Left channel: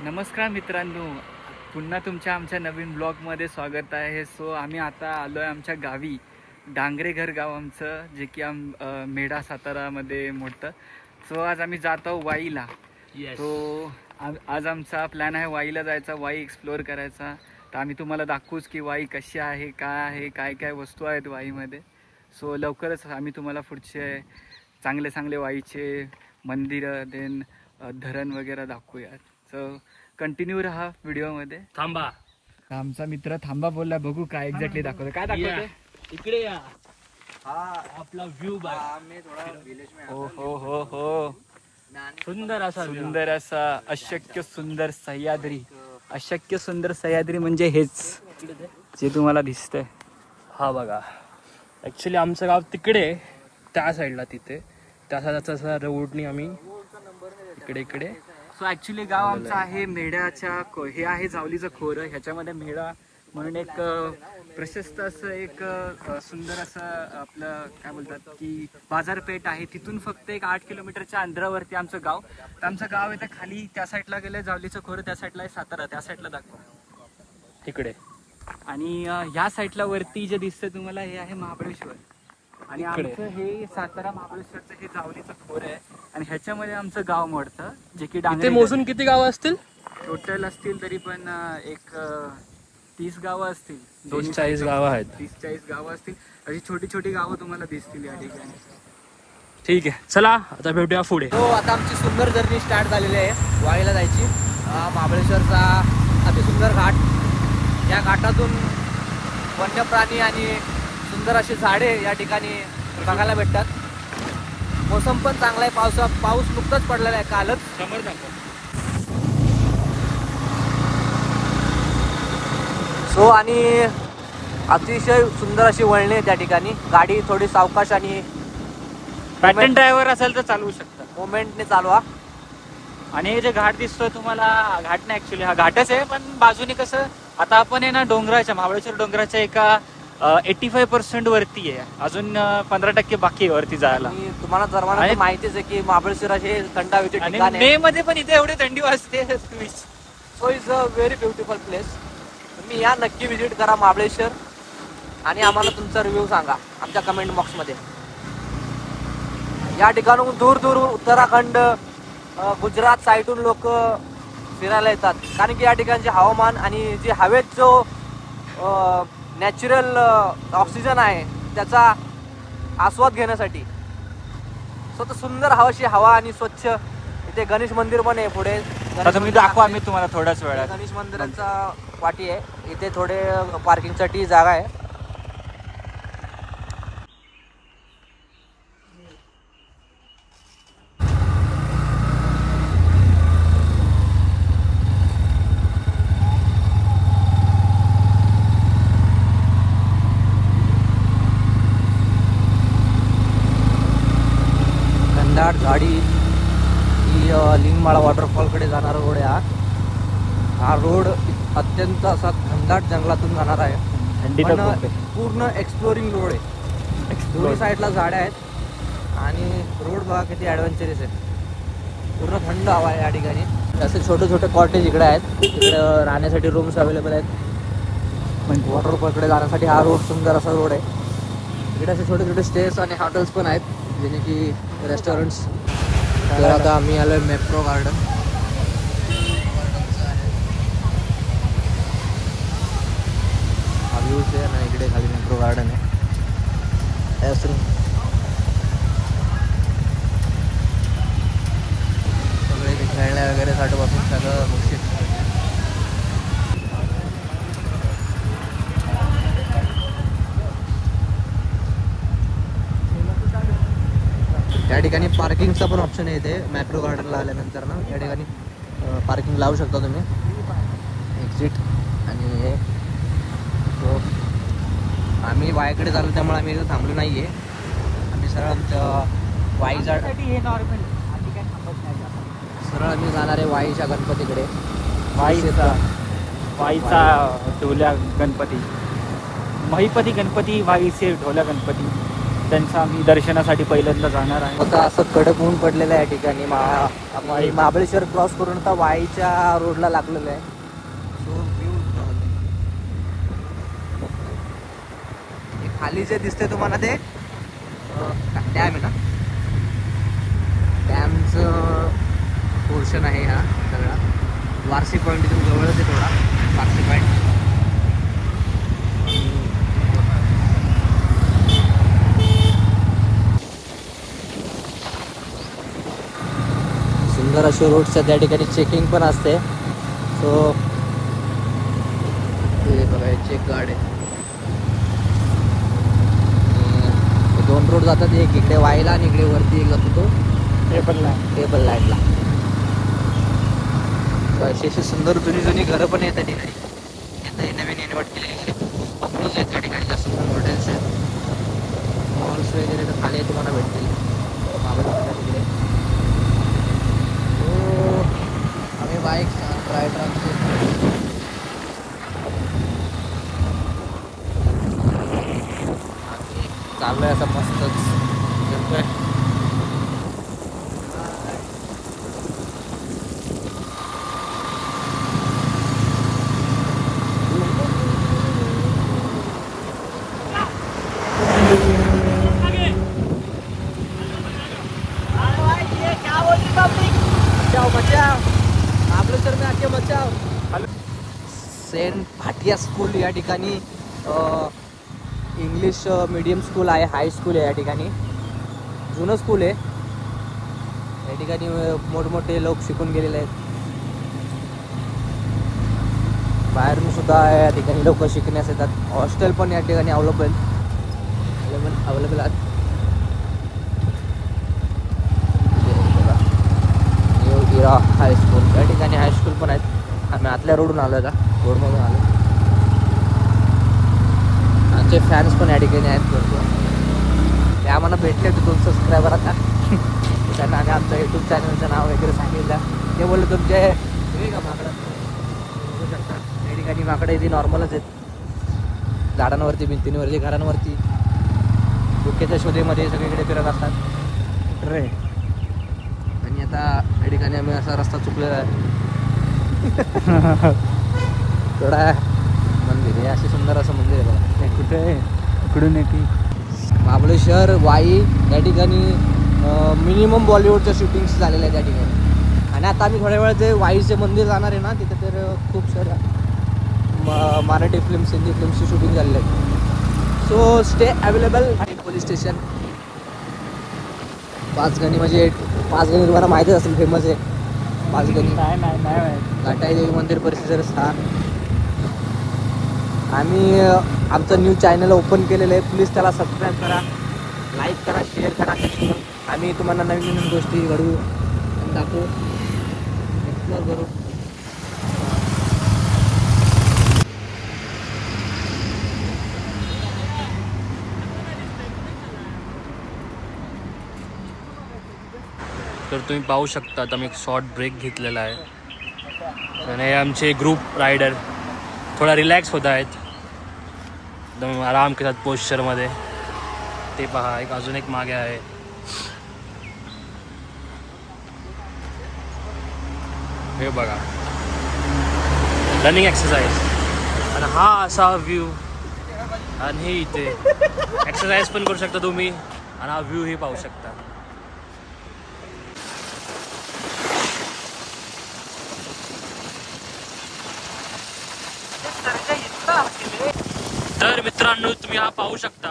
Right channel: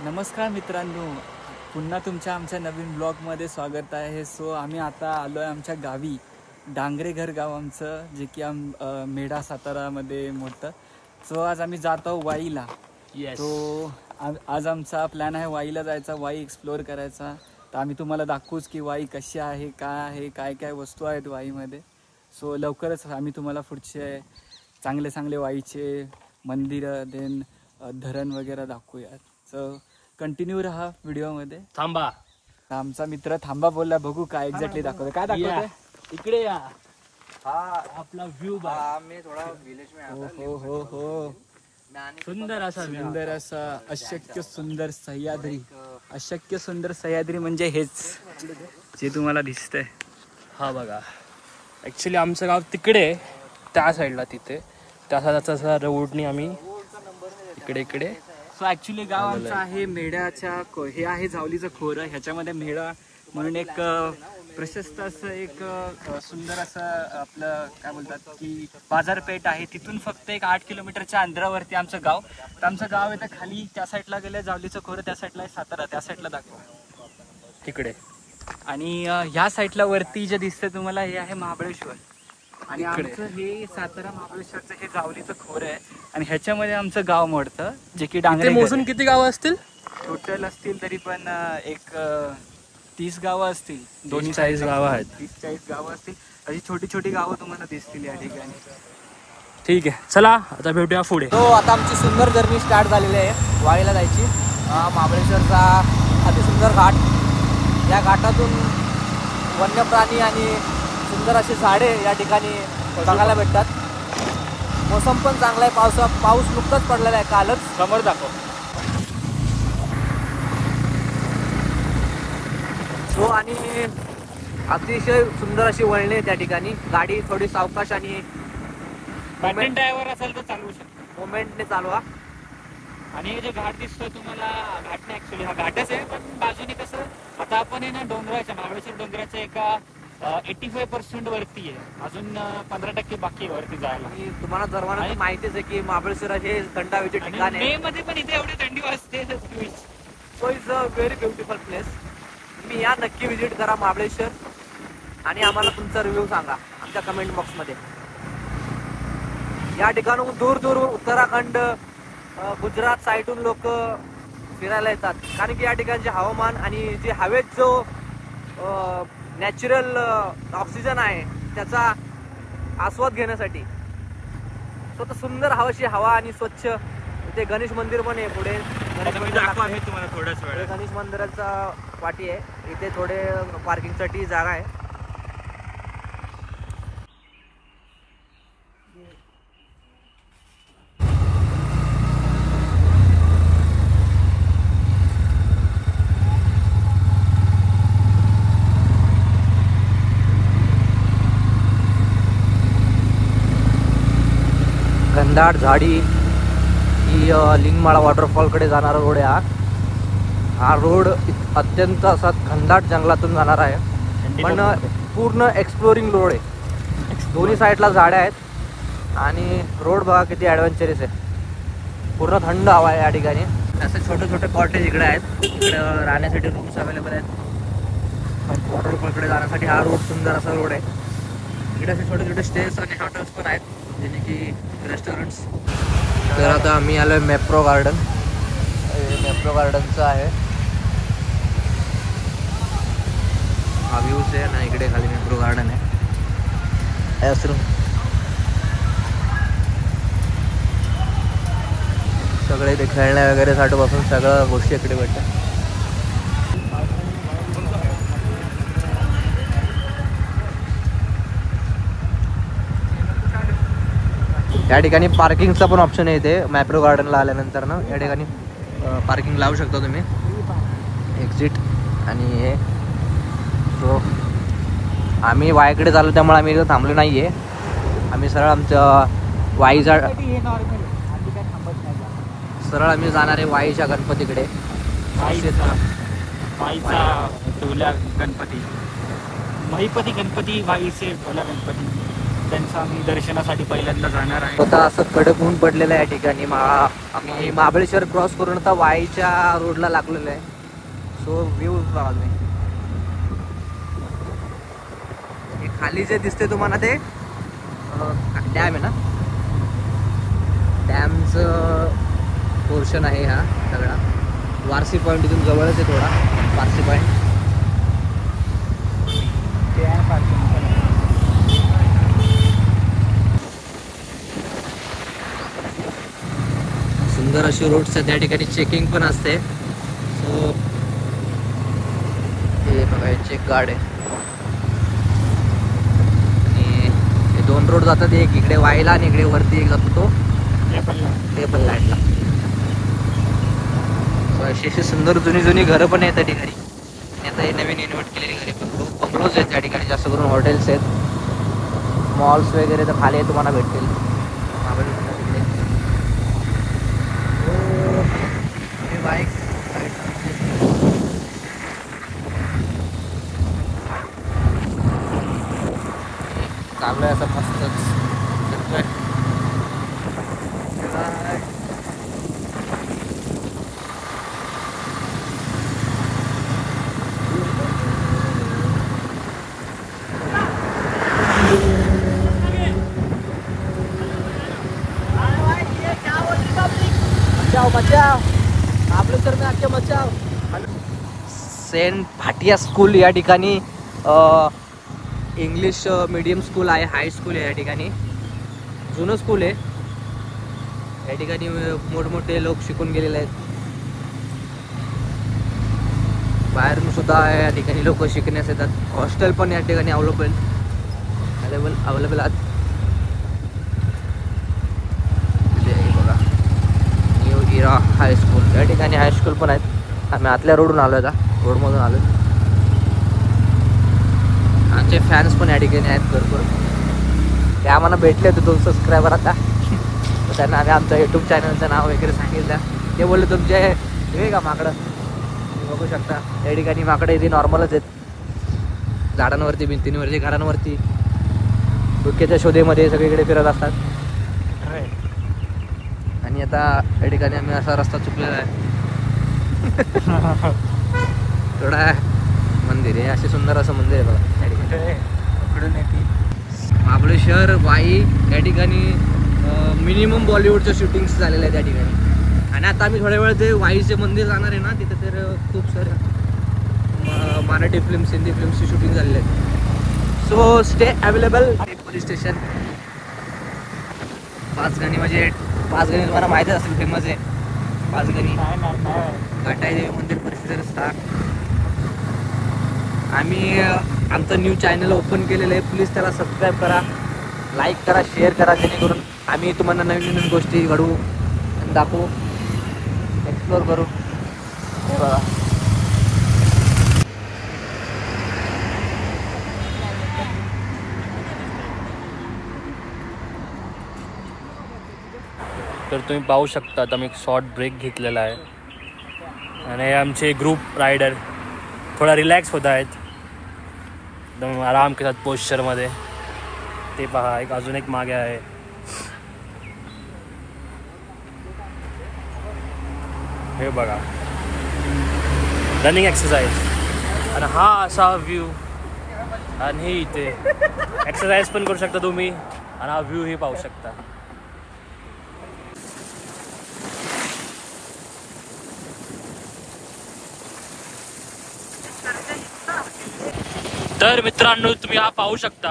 नमस्कार मित्रांनो, पुन्हा तुमच्या आमच्या नवीन ब्लॉगमध्ये स्वागत आहे। सो आम्ही आता आलो आहे आमच्या गावी, डांगरेघर गाव आमचं, जे की मेढा सातारामध्ये मोडतं। सो आज आम्ही जात आहोत वाईला। तो आज आमचा प्लॅन आहे वाईला जायचा, वाई एक्सप्लोअर करायचा। तर आम्ही तुम्हाला दाखवूच की वाई कशी आहे, काय काय वस्तू आहेत वाईमध्ये। सो लवकरच आम्ही तुम्हाला पुढचे चांगले वाईचे मंदिरं देन धरण वगैरे दाखवूयात। सो कंटिन्यू रहा व्हिडिओ मध्ये। थांबा, आमचा मित्र थांबा बोलला, बघू काय एक्झॅक्टली दाखवतोय, काय दाखवतोय। इकडे या, हा आपला व्ह्यू बघा। हो सुंदर असा अशक्य सुंदर सह्याद्री म्हणजे हेच जे तुम्हाला दिसतंय। हा बघा, ऍक्च्युली आमचं गाव तिकडे त्या साईडला, तिथे त्या साईडचा रोडनी आम्ही इकडे सो ऍक्च्युली गाव आमचं आहे मेढ्याच्या हे आहे जावलीचं खोरं। ह्याच्यामध्ये मेढा म्हणून एक प्रशस्त असं एक सुंदर असं आपलं काय बोलतात की बाजारपेठ आहे। तिथून फक्त एक 8 किलोमीटरच्या अंतरावरती आमचं गाव। तर आमचं गाव आहे तर खाली त्या साईडला गेलं जावलीचं खोरं, त्या साईडला आहे सातारा, त्या साईडला दाखव तिकडे। आणि ह्या साईडला वरती जे दिसतंय तुम्हाला हे आहे महाबळेश्वर। आणि आमचं हे सातारा महाबळेश्वरचं हे जावलीचं खोर आहे आणि ह्याच्यामध्ये आमचं गाव मोडतं, जे की इथे मोजून किती गावं असतील? टोटल असतील तरी पण एक 30 गावं असतील, 40 गावं आहेत। 30-40 गावं असतील, अशी छोटी छोटी गावं तुम्हाला दिसतील या ठिकाणी। ठीक आहे, चला आता भेटूया पुढे। तो आता आमची सुंदर जर्नी स्टार्ट झालेली आहे वाईला जायची। महाबळेश्वरचा अतिसुंदर घाट, या घाटातून वन्य प्राणी आणि सुंदर अशी झाडे या ठिकाणी बघायला भेटतात। मोसम पण चांगला आहे, पाऊस नुकताच पडलेला आहे कालच। समोर दाखव। सो आणि अतिशय सुंदर अशी वळणे त्या ठिकाणी, गाडी थोडी सावकाश आणि पॅटर्न ड्रायव्हर असेल तर चालवू शकता, मोमेंटने चालवा। आणि हे जे घाट दिसतोय तुम्हाला, घाट नाही ऍक्च्युली हा घाटच आहे, पण बाजूने कसं आता आपण आहे ना डोंगराच्या, महाबळेश्वर डोंगराच्या एका 85% वरती आहे, अजून 15% बाकी आहे वरती जायला। तुम्हाला सर्वांना माहितीच आहे की महाबळेश्वर हे थंड हवेचे ठिकाण आहे। मे मध्ये पण इथे एवढी थंडी वाजते। So is a very beautiful place. तुम्ही या नक्की विजिट करा महाबळेश्वर आणि आम्हाला तुमचा रिव्ह्यू सांगा आमच्या कमेंट बॉक्समध्ये। या ठिकाणून दूर उत्तराखंड, गुजरात साईडून लोक फिरायला येतात, कारण की या ठिकाणचे हवामान आणि जे हवेत जो नॅचरल ऑक्सिजन आहे त्याचा आस्वाद घेण्यासाठी। सो तर सुंदर हवाशी हवा आणि स्वच्छ इथे गणेश मंदिर पण आहे पुढे। दाखवा आम्ही तुम्हाला थोड्याच वेळात। गणेश मंदिराचा वाटी आहे, इथे थोडे पार्किंगसाठी जागा आहे। घनदाट झाडी ही लिंगमाळा वॉटरफॉलकडे जाणारा रोड आहे। हा रोड अत्यंत असा घनदाट जंगलातून जाणार आहे, पण पूर्ण एक्सप्लोरिंग रोड आहे। दोन्ही साईडला झाडं आहेत आणि रोड बघा किती ॲडव्हेंचरस आहे, पूर्ण थंड हवा आहे या ठिकाणी। असे छोटे कॉटेज इकडे आहेत, इकडे राहण्यासाठी रूम्स अवेलेबल आहेत। वॉटरफॉलकडे जाण्यासाठी हा रोड सुंदर असा रोड आहे। इकडे असे छोटे स्टेज आणि हॉटेल्स पण आहेत, जसे की रेस्टॉरंट्स। तर आता आम्ही आलो आहे मेप्रो गार्डनचं आहे हा व्ह्यूज आहे ना, इकडे खाली मेप्रो गार्डन आहे। सगळे इथे खेळण्या वगैरे साठी पासून सगळं गोष्टी इकडे भेटतात। या ठिकाणी पार्किंगचा पण ऑप्शन आहे इथे मॅप्रो गार्डनला आल्यानंतर ना, या ठिकाणी पार्किंग लावू शकता तुम्ही, एक्झिट आणि हे। सो आम्ही वाईकडे चाललो त्यामुळे आम्ही इथं थांबलो नाही आहे, आम्ही सरळ आमच्या वाईचा सरळ आम्ही जाणार आहे वाईच्या गणपतीकडे। वाईचा ढोल्या गणपती, महिपती गणपती, वाईचे ढोल्या गणपती। त्यांच्या आम्ही दर्शनासाठी पहिल्यांदा जाणार आहे. स्वतः असं कडक ऊन पडलेलं आहे या ठिकाणी. आम्ही महाबळेश्वर क्रॉस करून आता वाईच्या रोडला लागलेलं आहे. सो व्ह्यू खाली जे दिसते तुम्हाला ते डॅम आहे ना, डॅमचं पोर्शन आहे हा सगळा. वारसी पॉईंट इथून जवळच आहे थोडा, वारसी पॉईंट. सुंदर अशी रोड्स आहेत. त्या ठिकाणी चेकिंग पण असते. सो हे बघा चेक गार्ड आहे. आणि हे 2 रोड जातात, एक इकडे वाईला आणि इकडे वरती एक जातो तो टेबल लाईटला. अशी सुंदर जुनी घरं पण आहेत त्या ठिकाणी. आता हे नवीन इन्व्हर्ट केलेली घरे बंगलोज आहेत त्या ठिकाणी. जास्त करून हॉटेल्स आहेत, मॉल्स वगैरे तर खाली तुम्हाला भेटतील. बाईक चालू आहे असं मस्तच फिरतोय. सेंट भाटिया स्कूल या ठिकाणी इंग्लिश मीडियम स्कूल आहे, हाय स्कूल आहे या ठिकाणी. जुनं स्कूल आहे. या ठिकाणी मोठमोठे लोक शिकून गेलेले आहेत. बाहेरून सुद्धा या ठिकाणी लोक शिकण्यास येतात. हॉस्टेल पण या ठिकाणी अवेलेबल आहेत. बघा न्यू इरा हायस्कूल, या ठिकाणी हायस्कूल पण आहेत. आम्ही आतल्या रोडून आलो आहे का, रोडमधून आलो. आमचे फॅन्स पण या ठिकाणी आहेत भरपूर. ते आम्हाला भेटले होते 2 सबस्क्रायबर आता. तर त्यांना आम्ही आमच्या यूट्यूब चॅनलचं नाव वगैरे सांगितलं. ते बोलले तुमचे हे का माकडं, बघू शकता या ठिकाणी माकडं इथे नॉर्मलच आहेत. झाडांवरती, भिंतींवरती, घरांवरती, डोक्याच्या शोधेमध्ये सगळीकडे फिरत असतात. आणि आता या ठिकाणी आम्ही असा रस्ता चुकलेला आहे. थोडा मंदिर आहे, असे सुंदर असं मंदिर आहे बघा. महाबळेश्वर वाई या ठिकाणी मिनिमम बॉलिवूडच्या शूटिंग्स झालेल्या आहेत त्या ठिकाणी. आणि आता आम्ही थोड्या वेळा ते वाईचे मंदिर जाणार आहे ना, तिथं तर खूप साऱ्या मराठी फिल्म्स, हिंदी फिल्म्सची शूटिंग झालेली आहे. So stay available. Police station Panchgani, म्हणजे पाचगणी तुम्हाला माहितीच असेल, फेमस आहे पाचगणी. घटाई देवी मंदिर परिसर स्थान. आम्ही आमचं न्यू चॅनल ओपन केलेलं आहे. प्लीज त्याला सबस्क्राईब करा, लाईक करा, शेअर करा, जेणेकरून आम्ही तुम्हाला नवीन नवीन गोष्टी घडवू आणि दाखवू, एक्सप्लोर करू. तर तुम्ही पाहू शकता आता मी एक शॉर्ट ब्रेक घेतलेला आहे. आणि आमचे ग्रुप रायडर थोडा रिलॅक्स होत आहेत, एकदम आराम के साथ पोश्चरमध्ये. ते पहा, एक अजून एक मागे आहे. हे बघा, रनिंग एक्सरसाइज. आणि हा असा व्ह्यू. आणि हे इथे एक्सरसाइज पण करू शकता तुम्ही, आणि हा व्ह्यू हे पाहू शकता. तर मित्रांनो, तुम्ही हा पाहू शकता,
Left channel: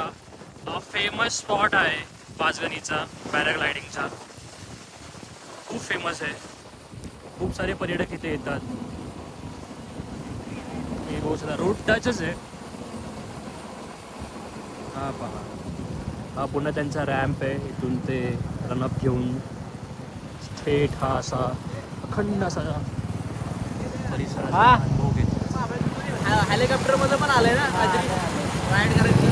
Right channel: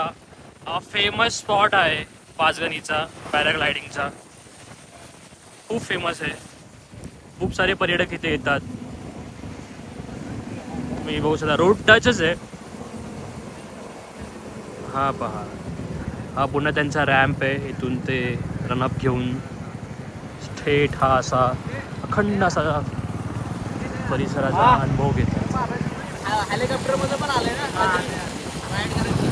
हा फेमस स्पॉट आहे पाचगणीचा, पॅराग्लायडिंगचा. खूप फेमस आहे, खूप सारे पर्यटक इथे येतात. तुम्ही बघू शकता, रोड टचच आहे. हा पहा, हा पुन्हा त्यांचा रॅम्प आहे. इथून ते रनअप घेऊन थेट हा असा अखंड असा परिसराचा अनुभव घेतात. हेलिकॉप्टर मध्ये पण आलंय ना राईड करायची.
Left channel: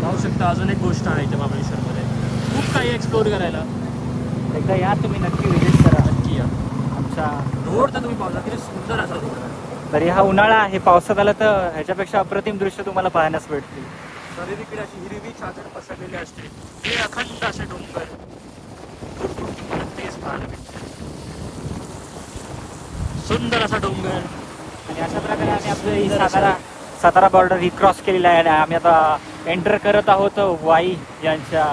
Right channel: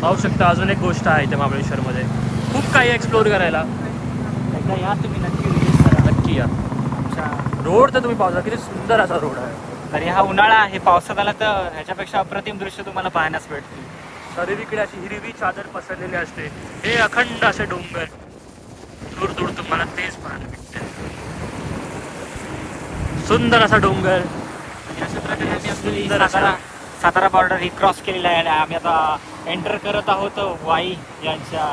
पाहू शकता, अजून एक गोष्ट आहे इथे महाबळेश्वरमध्ये, खूप काही एक्सप्लोर करायला. एकदा या तुम्ही, नक्की विजिट करा. नक्की या. आमच्या रोड तर तुम्ही पाहू किती सुंदर असा रोड आहे. तरी हा उन्हाळा आहे, पावसात आला तर ह्याच्यापेक्षा अप्रतिम दृश्य तुम्हाला पाहण्यास भेटतील. सगळीकडे अशी हिरवी चादर पसरलेली असते. हे अखंड असे डोंगर, दूर दूर तुम्हाला तेच पाहायला भेटते. सुंदर असा डोंगर. आणि अशा प्रकारे आम्ही आपली सातारा बॉर्डर रिक्रॉस केलेला आहे आणि आम्ही आता एंटर करत आहोत वाई यांच्या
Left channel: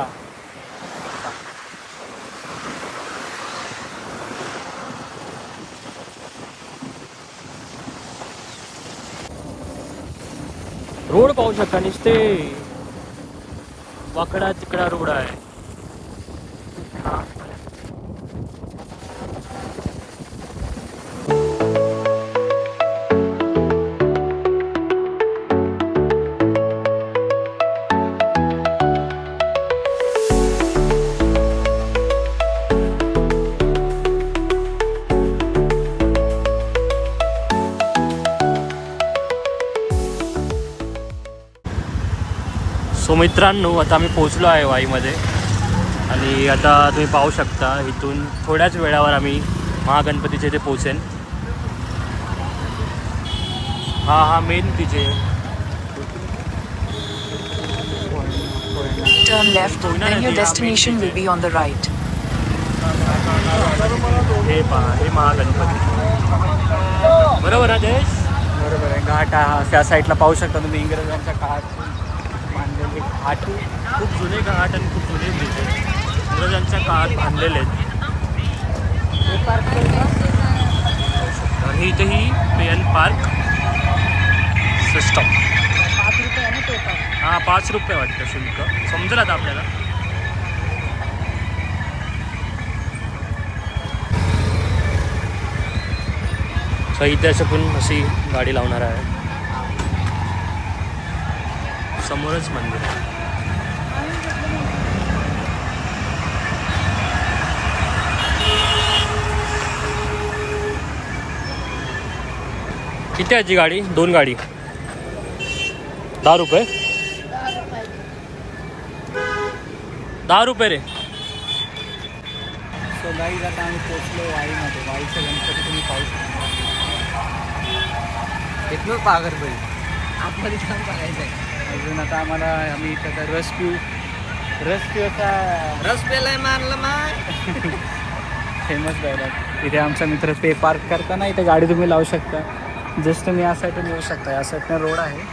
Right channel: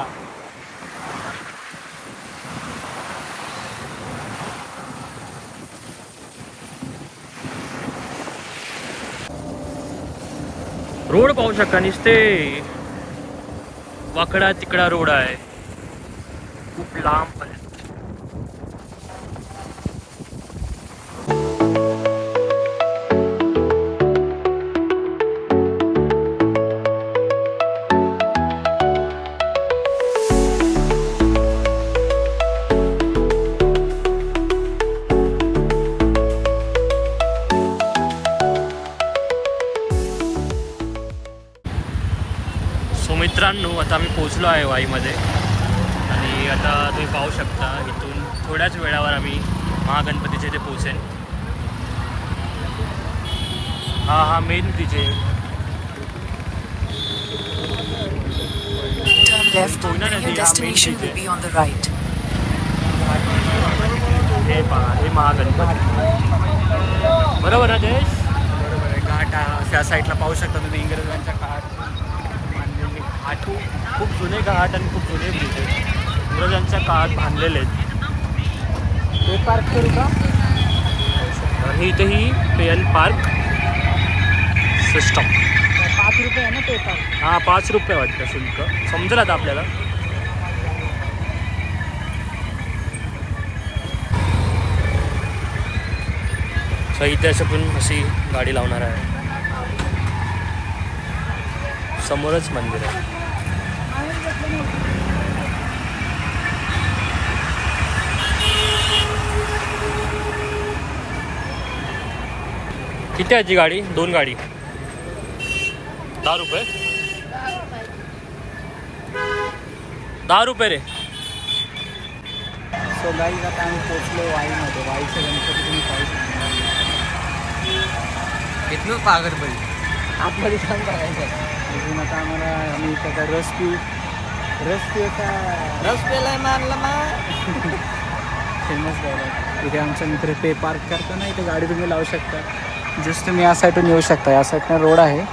रोड पाहू शकता. नुसते वाकडा तिकडा रोड आहे, खूप लांब आहे. सो मित्रांनो, आता आम्ही पोहोचलो आहे वाईमध्ये आणि आता तुम्ही पाहू शकता इथून थोड्याच वेळावर आम्ही महागणपतीचे इथे पोहोचेल. हा मेन तिचे Turn left, then your destination will be on the right. हे पहा, हे महागणपती बरोबर आहे. देश बरोबर आहे. घाट त्या साईडला पाहू शकता तुम्ही. इंग्रजांच्या काळात बांधलेले घाट, खूप जुने घाट आणि खूप जुने ब्रिज आहेत, इंग्रजांच्या काळात बांधलेले आहेत. आणि इथेही पे एन पार्क सिस्टम. हा 5 रुपये वाटतं शुल्क, समजेल आता आपल्याला. सो इथे असं पण अशी गाडी लावणार आहे. समोरच मंदिर आहे. किती आहे ती गाडी? 2 गाडी 10 रुपये. 10 रुपये रे. सो गाईज आता आम्ही पोचलो वाईमध्ये. वाईचा गणपती तुम्ही पाहू शकता. इथनंच पहा गणपती. आपल्याला छान करायचं. अजून आता आम्ही त्याचा रस पिऊचा रस पेलाय मानला माय. Famous dialogue. इथे आमचा मित्र पे पार्क करताना इथे गाडी तुम्ही लावू शकता. जस्ट तुम्ही या साईडून येऊ शकता. या साईडनं रोड आहे,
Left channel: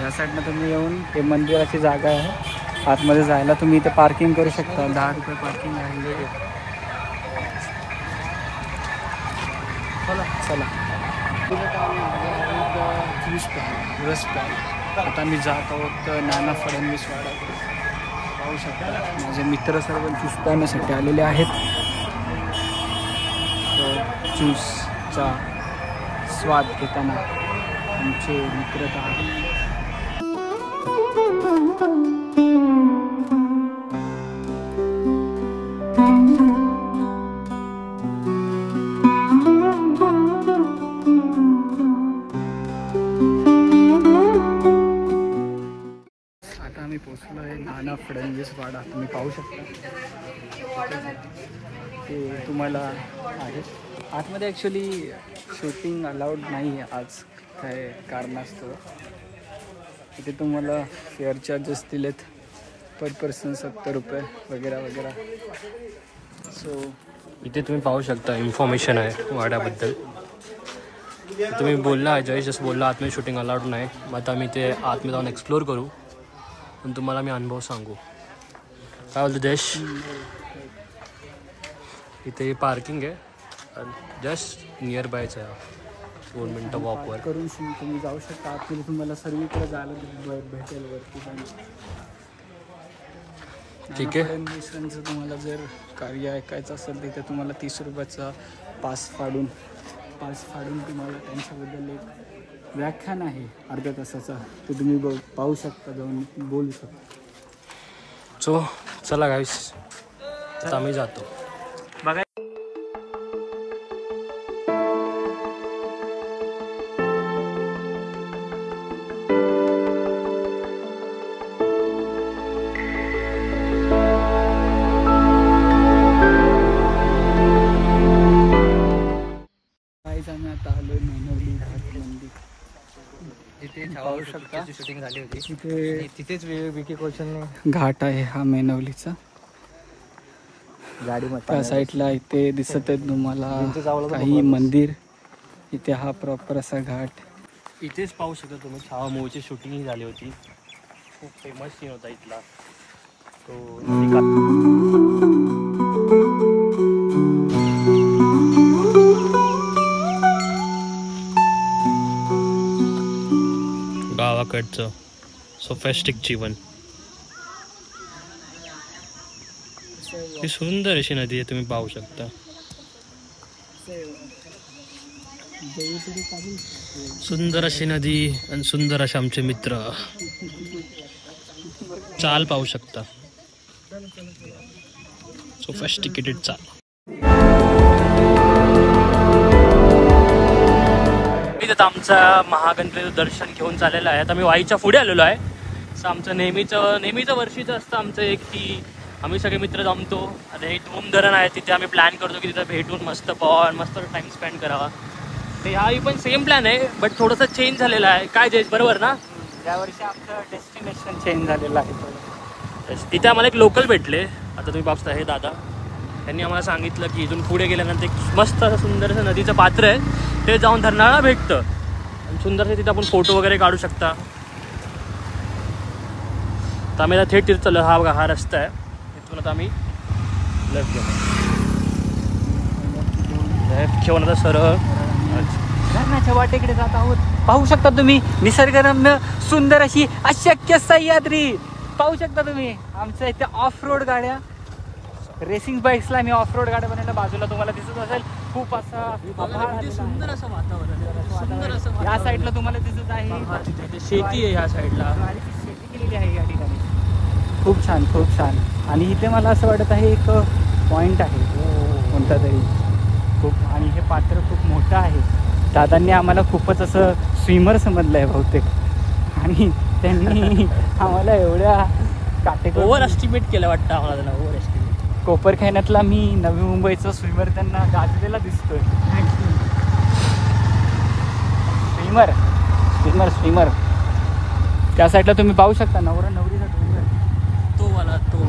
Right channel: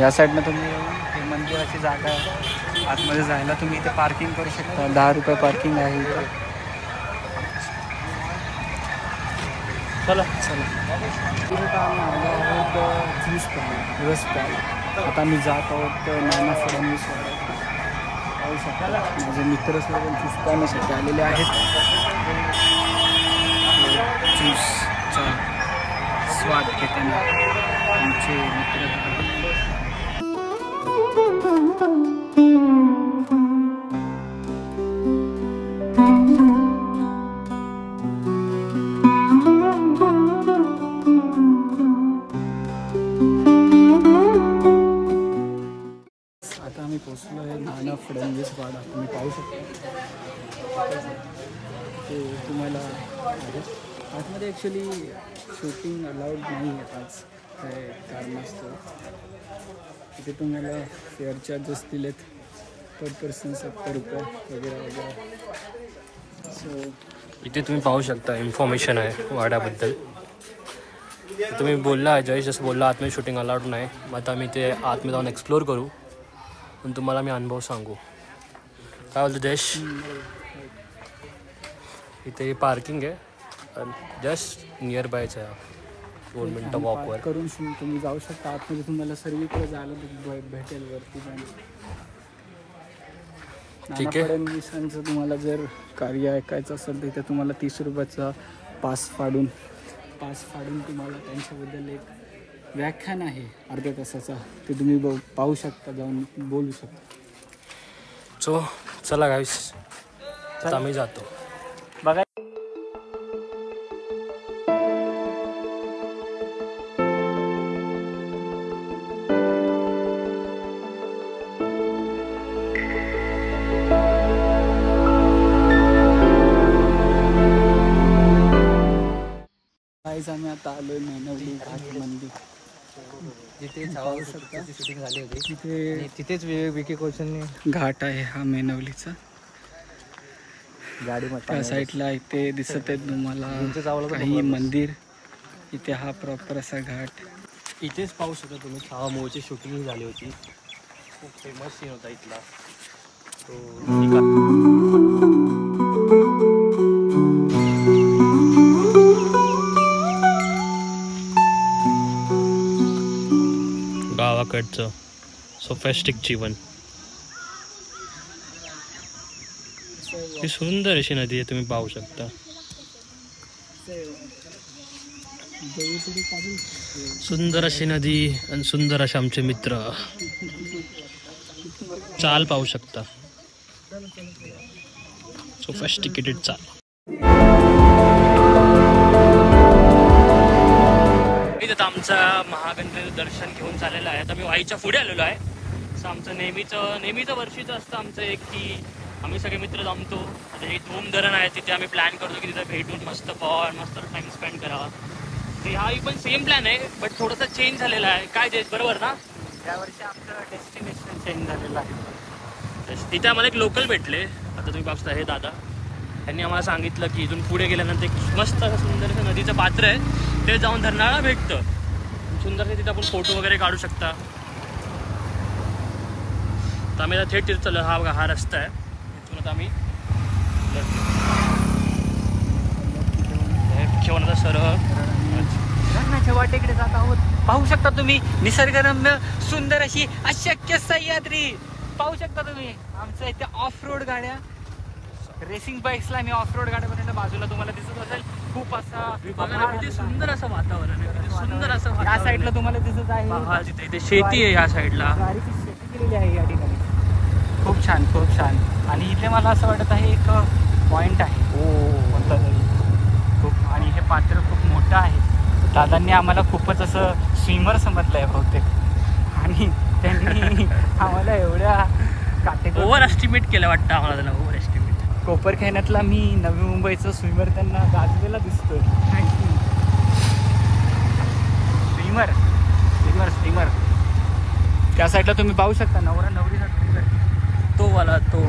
या साईडनं तुम्ही येऊन हे मंदिराची जागा आहे. आतमध्ये जायला तुम्ही इथे पार्किंग करू शकता. 10 रुपये पार्किंग आहे इथे. चला तिथे आता आम्ही आलो आहोत ज्यूस प्यायला, रस प्यायला. आता आम्ही जात आहोत नाना फडणवीस वाड्यात. पाहू शकता माझे मित्र सर्व ज्यूस प्यायण्यासाठी आलेले आहेत. ज्यूसचा स्वाद घेताना आमचे मित्र आता आम्ही पोचलो आहे नाना फडणवीस वाडा. तुम्ही पाहू शकता ते तुम्हाला आहे. आतमध्ये ॲक्च्युली शूटिंग अलाउड नाही आहे आज, काय कारणास्तव. इथे तुम्हाला फेअर चार्जेस दिलेत पर पर्सन 70 रुपये वगैरे वगैरे. सो इथे तुम्ही पाहू शकता इन्फॉर्मेशन आहे वाड्याबद्दल. तुम्ही बोलला जय जसं बोलला आतमध्ये शूटिंग अलाउड नाही. मग आता आम्ही ते आतमध्ये जाऊन एक्सप्लोर करू आणि तुम्हाला मी अनुभव सांगू. काय बोलतो जयेश? इथे पार्किंग आहे जस्ट नियर बायच आहे. 2 मिनटं वॉकवर करून तुम्ही जाऊ शकता. आतमध्ये तुम्हाला सर्वीकडे जायला भेटेल वरती पण. ठीक आहे. फडणवीसांचं तुम्हाला जर कार्य ऐकायचं असेल तिथे तुम्हाला 30 रुपयाचा पास फाडून तुम्हाला त्यांच्याबद्दल एक व्याख्यान आहे अर्ध्या तासाचा, ते तुम्ही पाहू शकता, जाऊन बोलू शकता. सो चला गाईस, आता आम्ही जातो. बघा आम्ही आता आलोय मेनवली घाट मंदिर. जिथे पाहू शकता. शूटिंग झाली होती तिथे तिथेच विकी कौशलने घाट आहे हा मेनवलीचा. गाडी त्या साईडला इथे दिसत आहेत तुम्हाला काही मंदिर. इथे हा प्रॉपर असा घाट. इथेच पाहू शकता तुम्ही छावा मूवीची शूटिंग झाली होती. खूप फेमस सीन होता इथला. गावाकडचं सोफेस्टिक जीवन. ही सुंदर अशी नदी आहे, तुम्ही पाहू शकता. सुंदर अशी नदी आणि सुंदर असे आमचे मित्र. चाल पाहू शकता, सोफिस्टिकेटेड चाल. इथं आमचा महागणपतीचं दर्शन घेऊन चाललेलं आहे. आता मी वाईच्या पुढे आलेलो आहे. असं आमचं नेहमीचं वर्षीचं असतं आमचं एक की आम्ही सगळे मित्र जमतो. आता हे धूम धरण आहे तिथे आम्ही प्लॅन करतो की तिथं भेटून मस्त मस्त टाइम स्पेंड करावा. तर ह्याही पण सेम प्लॅन आहे बट थोडंसं चेंज झालेलं आहे. काय जयेश बरोबर ना? यावर्षी आमचं डेस्टिनेशन चेंज झालेलं आहे. तिथे आम्हाला एक लोकल भेटले. आता तुम्ही पाहता हे दादा, त्यांनी आम्हाला सांगितलं की इथून पुढे गेल्यानंतर एक मस्त असं सुंदर असं नदीचं पात्र आहे, ते जाऊन धरणाला भेटतं. सुंदरसे तिथे आपण फोटो वगैरे काढू शकता. तर आम्ही आता थेट तिथे चाललो. हा बघा हा रस्ता आहे. इथून आता आम्ही घेऊन आता सरळ वाटेकडे जात आहोत. पाहू शकता तुम्ही निसर्गरम्य सुंदर अशी अशक्य सह्याद्री पाहू शकता तुम्ही. आमच्या इथे ऑफ रोड गाड्या, रेसिंग बाईक्सला मी ऑफ रोड गाड्या बनायला बाजूला तुम्हाला दिसत असेल. खूप असा सुंदर असं वातावरण आहे. सुंदर असं या साईडला तुम्हाला दिसत आहे. तिथे शेती आहे या साईडला. शेती केलेली आहे या ठिकाणी. खूप छान खूप छान. आणि इथे मला असं वाटत आहे एक पॉइंट आहे कोणता तरी खूप. आणि हे पात्र खूप मोठं आहे. दादांनी आम्हाला खूपच असं स्विमर समजलं आहे बहुतेक. आणि त्यांनी आम्हाला एवढ्या काटेकोर ओव्हर एस्टिमेट केलं वाटतं आम्हाला त्यांना. Over estimate. कोपरखैरण्यातला मी नवी मुंबईचा स्विमर त्यांना गाजलेला दिसतोय. Swimmer swimmer swimmer. त्या साईडला तुम्ही पाहू शकता नवरा नवरीचा डोंगर तो वाला तो.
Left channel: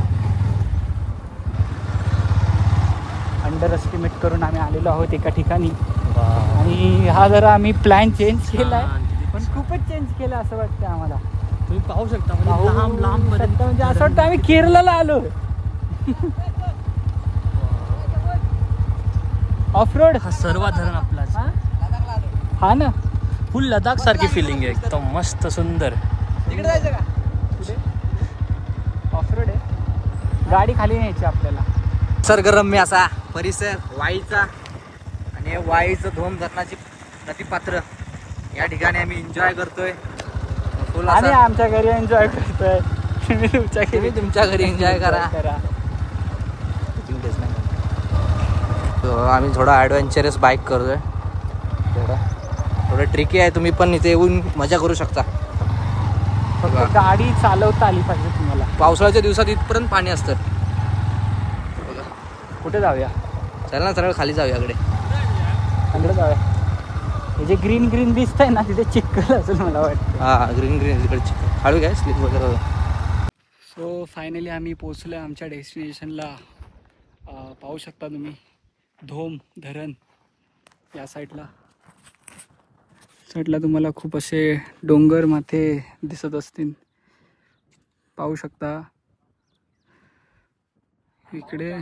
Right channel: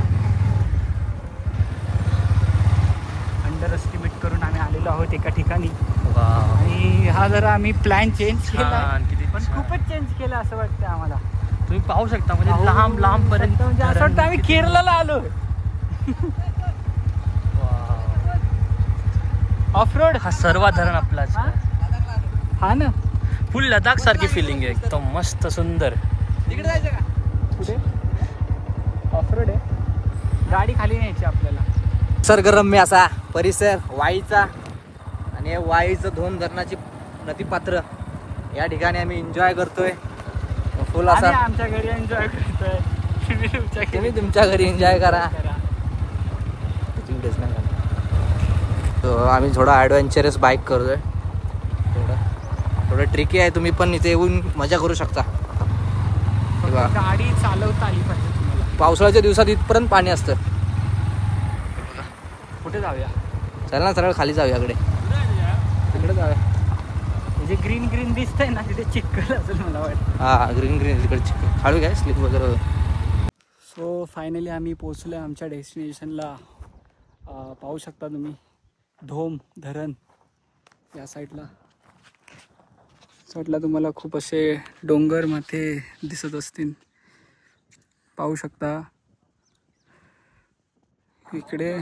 अंडर एस्टिमेट करून आम्ही आलेलो आहोत एका ठिकाणी. आणि हा जरा आम्ही प्लॅन चेंज केला पण खूपच चेंज केला असं वाटतं आम्हाला. तुम्ही पाहू शकता म्हणजे लांब लांब पर्यंत. म्हणजे असं वाटतं आम्ही केरळला आलो. Of road. हा सर्व धरण आपलाच. हा ना. फुल लडाख सारखी फिलिंग आहे एकदम मस्त सुंदर. तिकडे जायचं का? ऑफ रोड आहे. गाडी खाली न्यायची आपल्याला. निसर्गरम्य असा परिसर वाईचा आणि वाईचं धोम धरणाची नदीपात्र या ठिकाणी आम्ही एन्जॉय करतोय. फुल आणि असा आमच्या घरी एन्जॉय करतोय. तुम्ही तुमच्या घरी एन्जॉय करा. तो आम्ही थोडा ॲडव्हेंचरस बाईक करतोय. थोडं ट्रिकी आहे. तुम्ही पण इथे येऊन मजा करू शकता. गाडी चालवता आली पाहिजे तुम्हाला. पावसाळ्याच्या दिवसात इथपर्यंत पाणी असतं. कुठे जाऊया? चल ना सरळ खाली जाऊया. इकडे जाऊया. जे ग्रीन ग्रीन दिसतंय ना तिथे चिखल असेल मला वाटतं. हा ग्रीन ग्रीन तिकडे चिखल. खाली काय स्लिप वगैरे. सो फायनली आम्ही पोहोचलो आमच्या डेस्टिनेशनला. पाहू शकता तुम्ही धोम धरण या साईडला तुम्हाला खूप असे डोंगर माथे दिसत असतील. पाहू शकता इकडे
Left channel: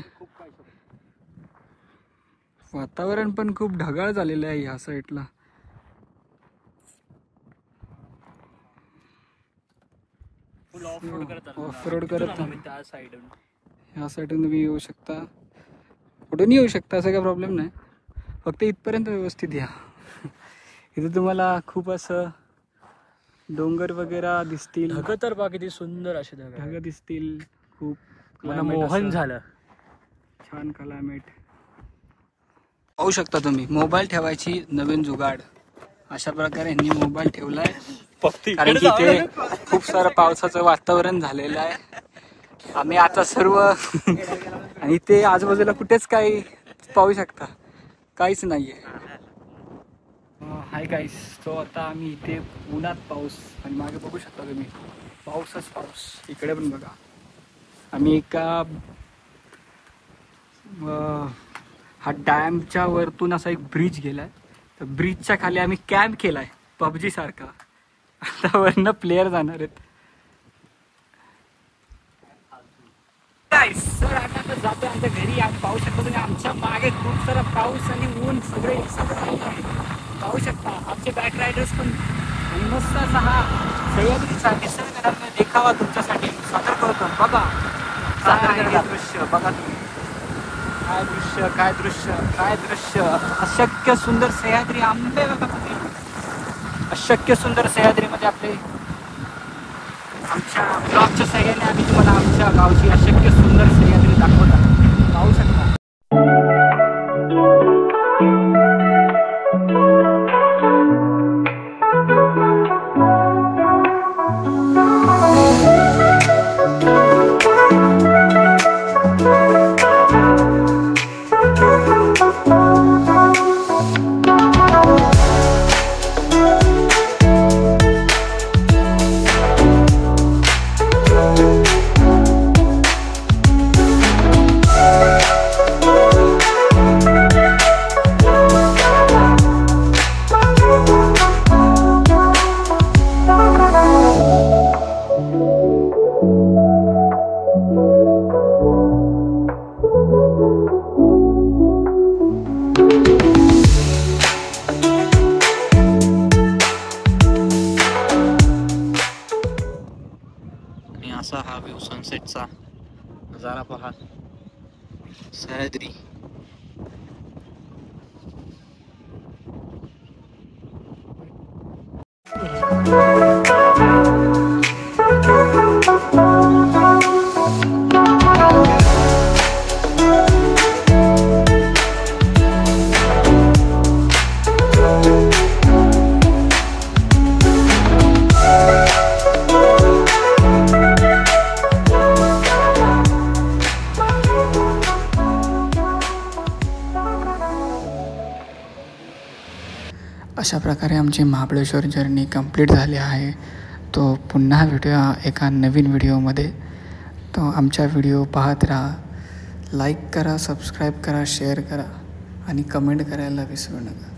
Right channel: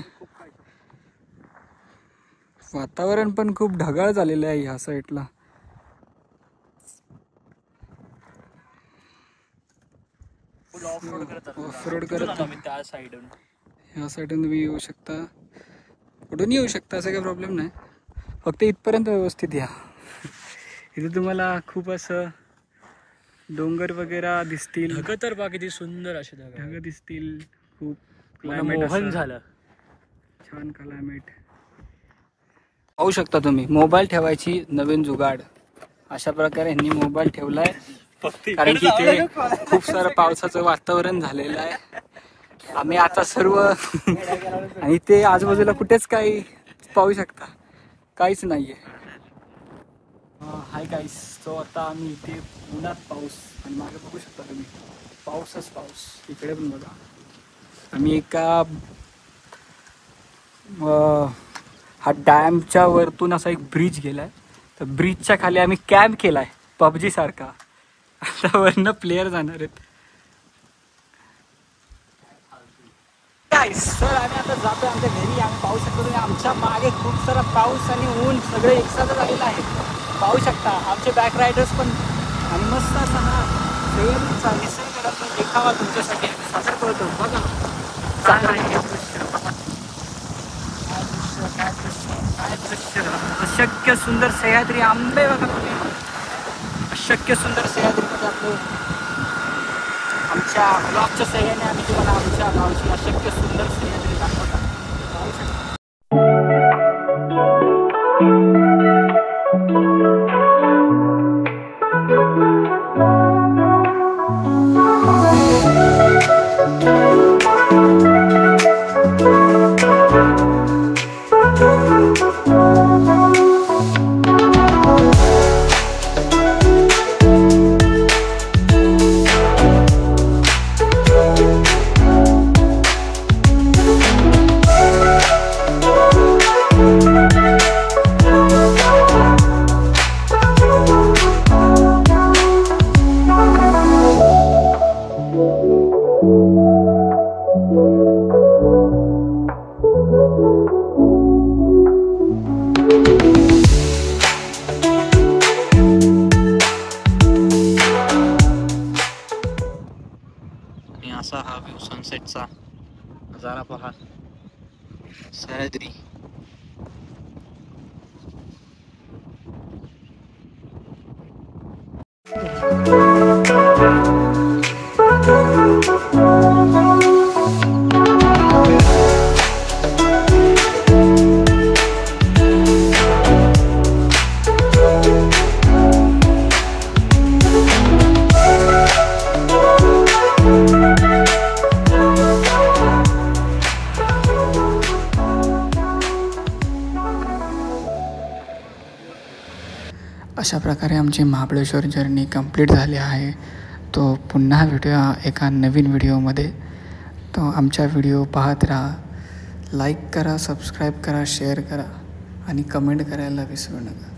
वातावरण पण खूप ढगाळ झालेलं आहे ह्या साईडला. ऑफ रोड करत त्या साईडून ह्या साईडून तुम्ही येऊ शकता. कुठून येऊ शकता असं काही प्रॉब्लेम नाही. फक्त इथपर्यंत व्यवस्थित या. इथे तुम्हाला खूप असं डोंगर वगैरे दिसतील. ढग तर बघा किती सुंदर अशी ढग दिसतील. खूप क्लायमेट असं झालं. छान क्लायमेट पाहू शकता तुम्ही. मोबाईल ठेवायची नवीन जुगाड अशा प्रकारे यांनी मोबाईल ठेवलाय. कारण की इथे खूप सारं पावसाचं वातावरण झालेलं आहे. आम्ही आता सर्व आणि इथे आजूबाजूला कुठेच काही पाहू शकता काहीच नाहीये. Hi guys. सो आता आम्ही इथे उन्हात पाऊस आणि मागे बघू शकता तुम्ही पाऊसच पाऊस. इकडे पण बघा. आम्ही एका हा डॅमच्या वरतून असा एक ब्रिज गेलाय. तर ब्रिजच्या खाली आम्ही कॅम्प केलाय पबजी सारखा. आता वरनं प्लेयर जाणार आहेत. सर आम्ही आता जातोय आमच्या घरी. आम्ही पाहू शकतो तुम्ही आमच्या मागे खूप सारा पाऊस आणि ऊन सगळे एकसाथ झालेलं आहे. पाहू शकता आमचे बॅक रायडर्स पण. आणि मस्त असा हा सह्याद्रीचा निसर्गातला देखावा तुमच्यासाठी सादर करतो. बघा दृश्य बघा. काय दृश्य काय दृश्य काय दृश्य. अशक्य सुंदर सह्याद्री आंबे बघा. अशक्य सुंदर सह्याद्रीमध्ये आपले आमच्या ब्लॉगच्या सहाय्याने आम्ही तुम्हाला आमच्या गावची अशक्य सुंदर सह्याद्री दाखवत आहे. पाहू शकता. असा हा व्ह्यू सनसेटचा नजारा पहा. सह्याद्री. अशा प्रकारे आमची महाबळेश्वर जर्नी कंप्लीट झाली आहे. तो पुन्हा भेटूया एका नवीन व्हिडिओमध्ये. तो आमच्या व्हिडिओ पाहत राहा. लाईक करा, सबस्क्राईब करा, शेअर करा आणि कमेंट करायला विसरू नका.